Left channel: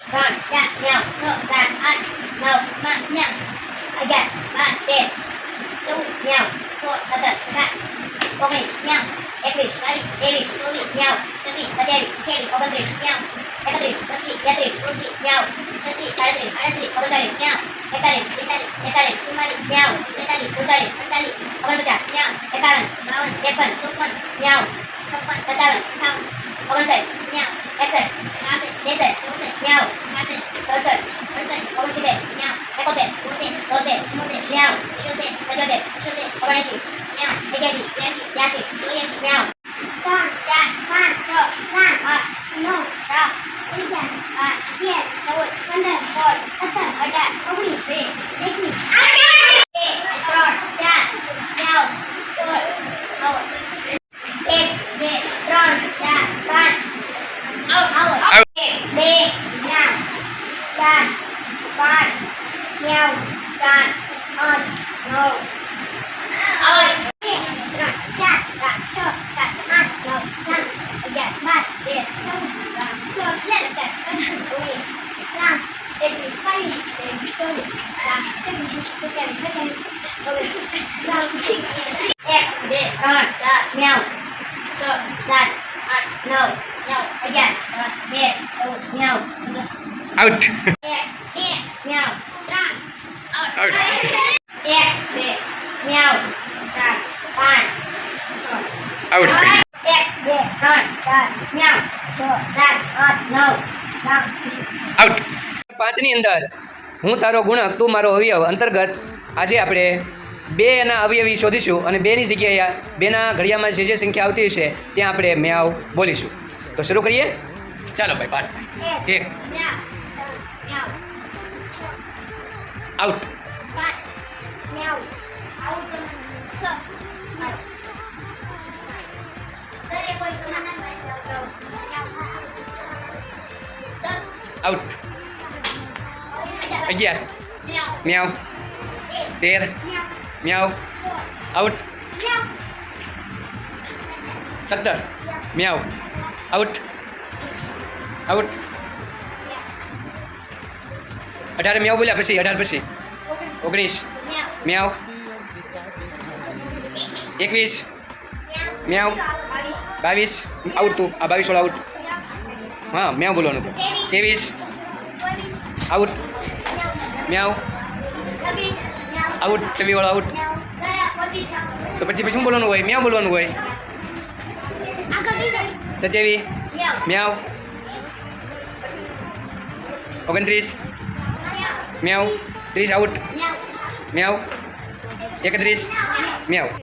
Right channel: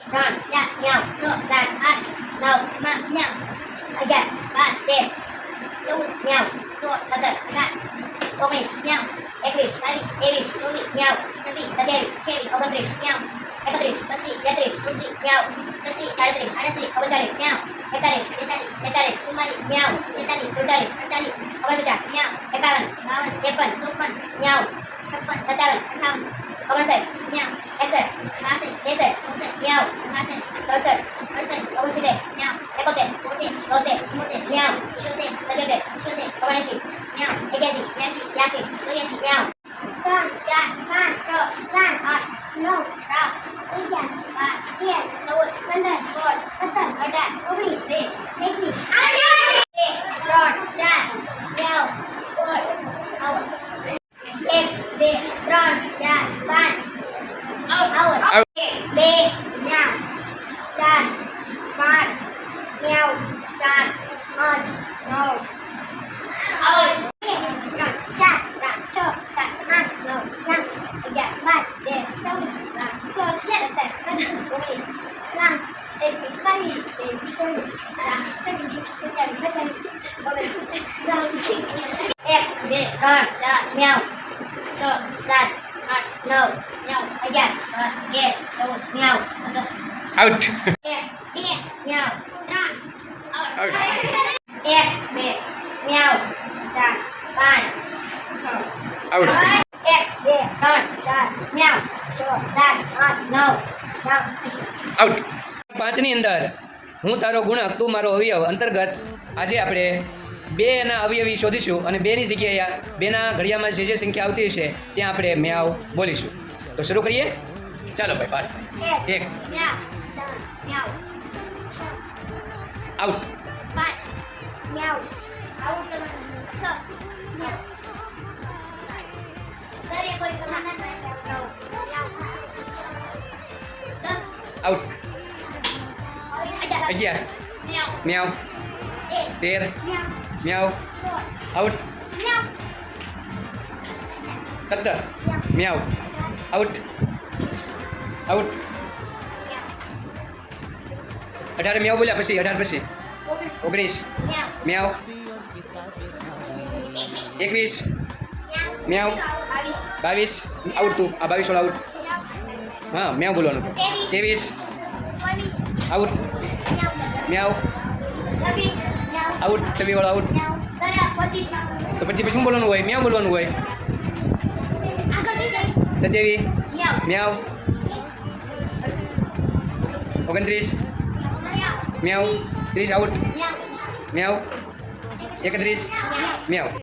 ત્રણ ચાર ન્યાવ છ સાત આઠ નવમાં ન્યાવ અગિયાર બાર તેર ચૌદ ન્યાવ સોળ સત્તર અઢાર ઓગણીસ ન્યાવ એકવીસ બાવીસ ત્રેવીસ ચોવીસ ન્યાવ છવ્વીસ સત્યાવીસ અઠ્યાવીસ ઓગણત્રીસ ન્યાવ એકત્રીસ બત્રીસ તેત્રીસ ચોત્રીસ ન્યાવ છત્રીસ સાડત્રીસ આડત્રીસ ઓગણચાલીસ ન્યાવ એકતાલીસ બેતાલીસ તેતાલીસ ચુમ્માલીસ ન્યાવ છેતાલીસ સુડતાલીસ અડતાલીસ ઓગણપચાસ ન્યાવ એકાવન બાવન ત્રેપન ચોપન ન્યાવ છપ્પન સત્તાવન અઠાવન ઓગણસાઠ ન્યાવ એકસઠ છાસઠ ત્રેસઠ ચોસઠ ન્યાવ છાસઠ સડસઠ અડસઠ ઓગણસિત્તેર ન્યાવ એકોતેર બોતેર તોતેર ચુમ્મોતેર ન્યાવ છોતેર સત્યોતેર અઠ્યોતેર ઓગણએંશી ન્યાવ એક્યાસી બ્યાસી ત્યાસી ચોર્યાસી ન્યાવ ત્રણ ચાર પાંચ છ સાત આઠ નવ દસ અગિયાર બાર તેર ચૌદ પંદર સોળ સત્તર અઢાર ઓગણીસ વીસ એકવીસ bạn ơn ngầu ơi rạng chặt rạng trợ rạng ăn ngầu răng dạng bạn để trong rạng sơ hiện tại bất hẳn của mình răng để bị sai để bị tôi rạng chân tôi kèm cho kèm và mình răng chỉnh em để rồi mèo trợ rạng ăn ngầu nhau again để tôi mèo out. mèo out એક બે ન્યાવ ચાર પાંચ out એક બે ત્રણ ચાર ન્યાવ છ સાત આઠ નવ આઉટ. પાંચની અંદર હું તારો ગુણક તું મારો અવયવ અંતર્ગત આજે આપણે બે એના અવયવી શોધીશું અને બેની જગ્યાએ બેના ઘડિયામાં જે જે સંખ્યા આવતી હશે ત્યાં આપણે મ્યાવ બોલીશું. તો શરૂ કરીએ? ચાલો ભાઈ પાઠ એક. આઉટ. ન્યાવ આવું કરવાનું છ દરેક કોઈ દસ આઉટ અગિયાર મ્યાવ તેર મ્યાવ આઉટ સત્તર મ્યાવ આઉટ આઉટ અઢાર મ્યાવ બોલ્યા પછી અઢાર પછી ઓગણીસ મ્યાવ એકવીસ મ્યાવ બાવીસ બાવીસ આઉટ તું આ બાવીસ વાળા આઉટ હા મ્યાવ બોલવાનું હતું ત્રેવીસ ચોવીસ આઉટ મ્યાવ છવ્વીસ ન્યાવ આઉટ છવ્વીસ વાળો આઉટ ન્યાવ દરા પચીસ તો પછી પછી શું બોલવાનું હોય મ્યાવ બોલવાનું હોય આગળ બીજા સત્યાવીસ ન્યાવ મ્યાવ ઓગણત્રીસ ન્યાવ મ્યાવ ત્રીસ આઉટ ન્યાવ મ્યાવ એકત્રીસ મ્યાવ